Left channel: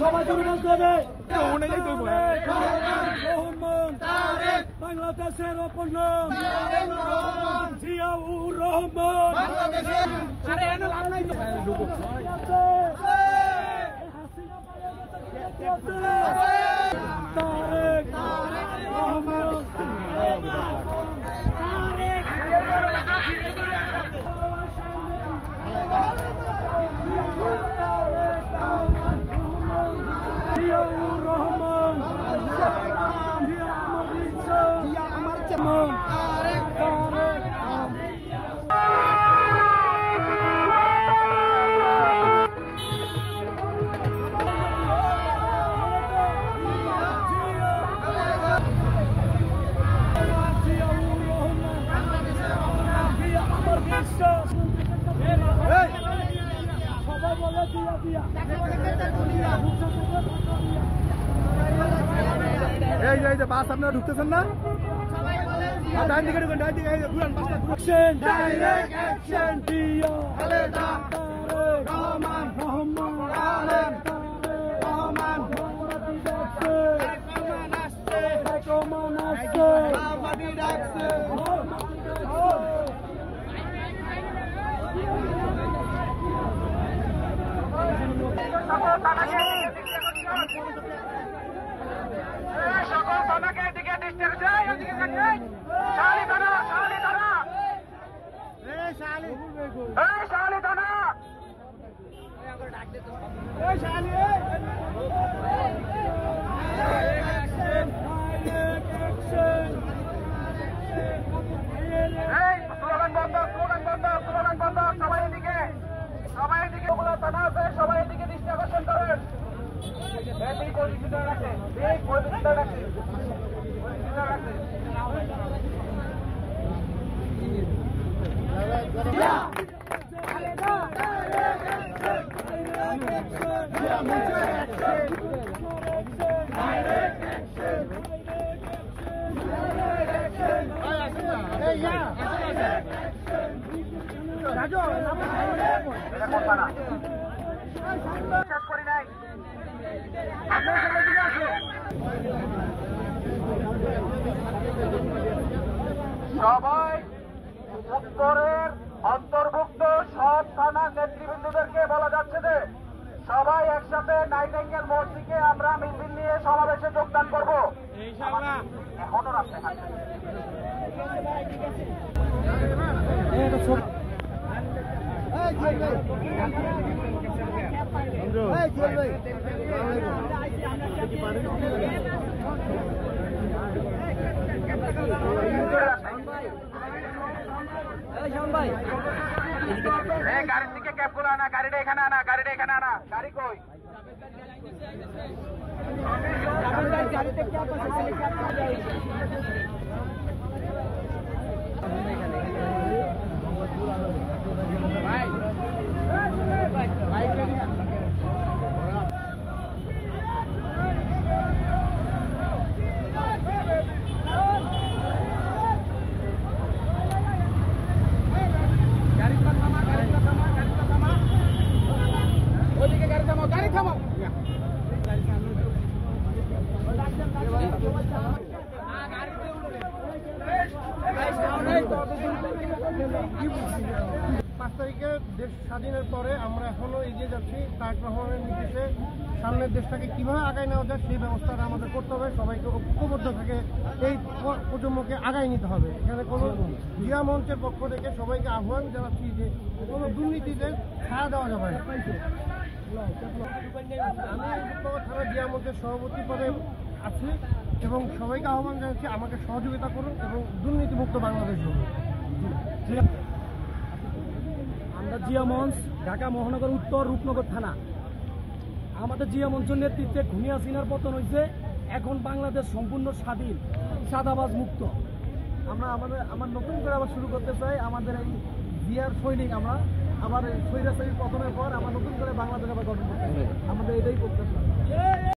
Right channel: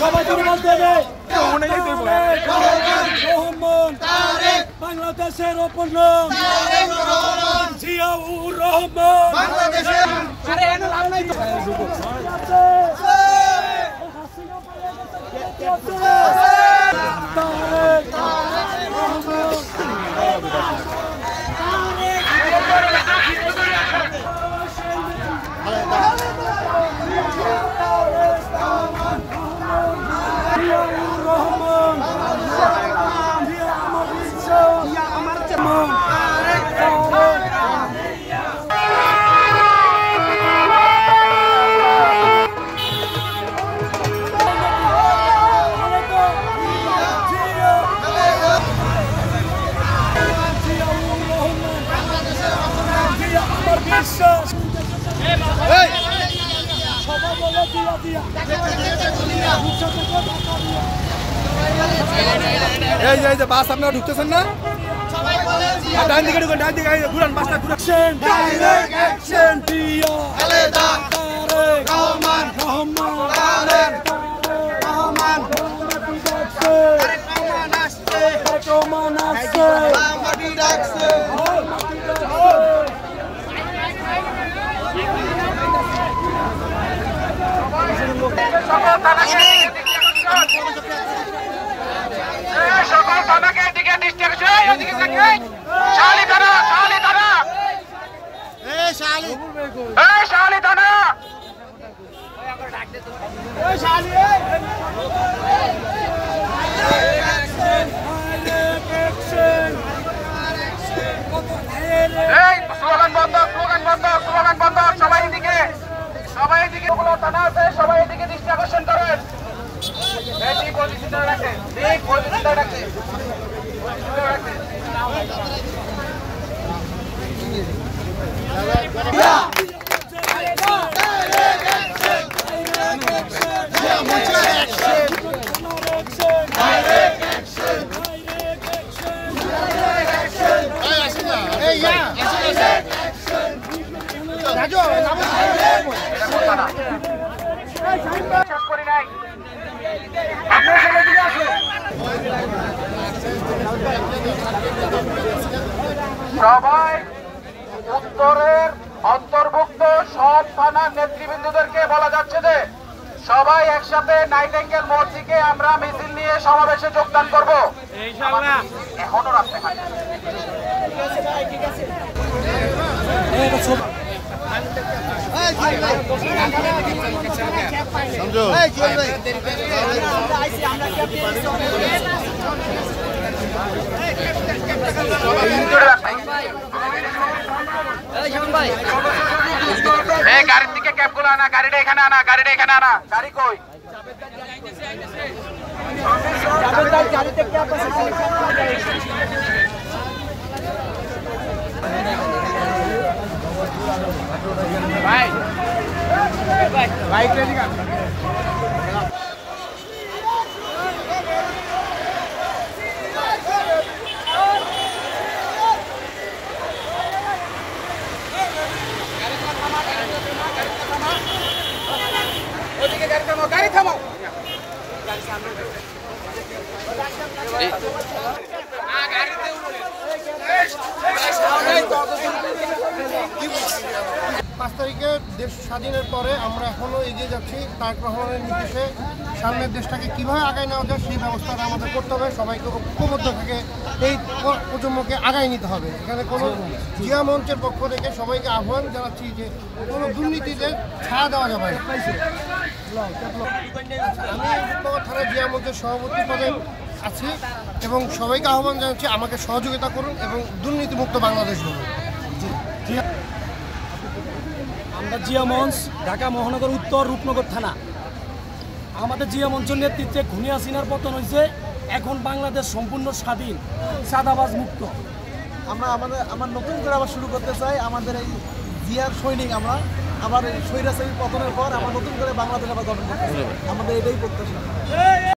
সবাই দুর্বল দেবে বাংলাদেশের অপর নাম জিয়াউর রহমান। এই যে বাস আপনারা ঢুকতেছেন না? ডান দিকে ঢুকেন, ডান দিকে ঘুরান বাসটা ঘুরান। ডাইরেক্ট অ্যাকশন দিয়া খালেদা তারেক রহমান রহমান রহমান রহমান আসছে মাটি ডাকছে। সবাই এদিকে দৃষ্টি আকর্ষণ করেন। সবাই উত্তরের অন্তর্ভুক্ত সব থানার নেতৃবৃন্দদেরকে বলা যাচ্ছে যে সবাই একসাথে নাইটেঙ্গেল মোড় থেকে আমরা মিছিল নিয়ে সমাবেশে যোগদান করব। এখনো রাস্তাঘাট গাড়ির দিকে ক্যাব গুলো আনা, গাড়িটা এখানে আনা, গাড়িটা এখানে আনা। গাড়ি কই? গাড়ি থামাও। পাঁচ তারিখে দেশ স্বাধীনের পরে আমরা এখনো এগিয়ে যাচ্ছি। তারেক রহমানের নির্দেশে সামনের দেশটাকে কিভাবে আগায় নেওয়া যায় সেই ব্যবস্থাটা আমাদের করতে হবে। সবাইকে ঐক্যবদ্ধ থেকে এই প্রজন্মকে আগায় নিতে হবে। এখানে কোনো জিয়া মঞ্চের পক্ষ থেকে সবাইকে আহ্বান জানাচ্ছি যে কোনো দুর্নীতিতে ছায়া দেওয়া যাবে না। আমি রূপনগর থানা জিয়া মঞ্চের সভাপতি পদে আছি এবং সবাইকে আহ্বান জানাচ্ছি আমাকে সহযোগিতা করুন এবং দুর্নীতিমুক্ত বাংলাদেশ গড়ুন। আমরা জিয়া মঞ্চ, ঢাকা মহানগর উত্তর রূপনগর থানা। আমাদের জিয়া মঞ্চের নেতৃত্বে খুনি হাসিনার পতন হয়েছে। এখন বাংলাদেশ সম্পূর্ণ স্বাধীন, চাঁদাবাজ মুক্ত। আমার নতুন করে আবার শুরু করতে চাই। আমাদের এই জিয়ার সৈনিক আমরা আবার স্বৈরাচারী পতনের পর আমরা নতুন করে বাংলাদেশ আবার গঠন করতে চাই। আমাদের এটাই প্রত্যাশা।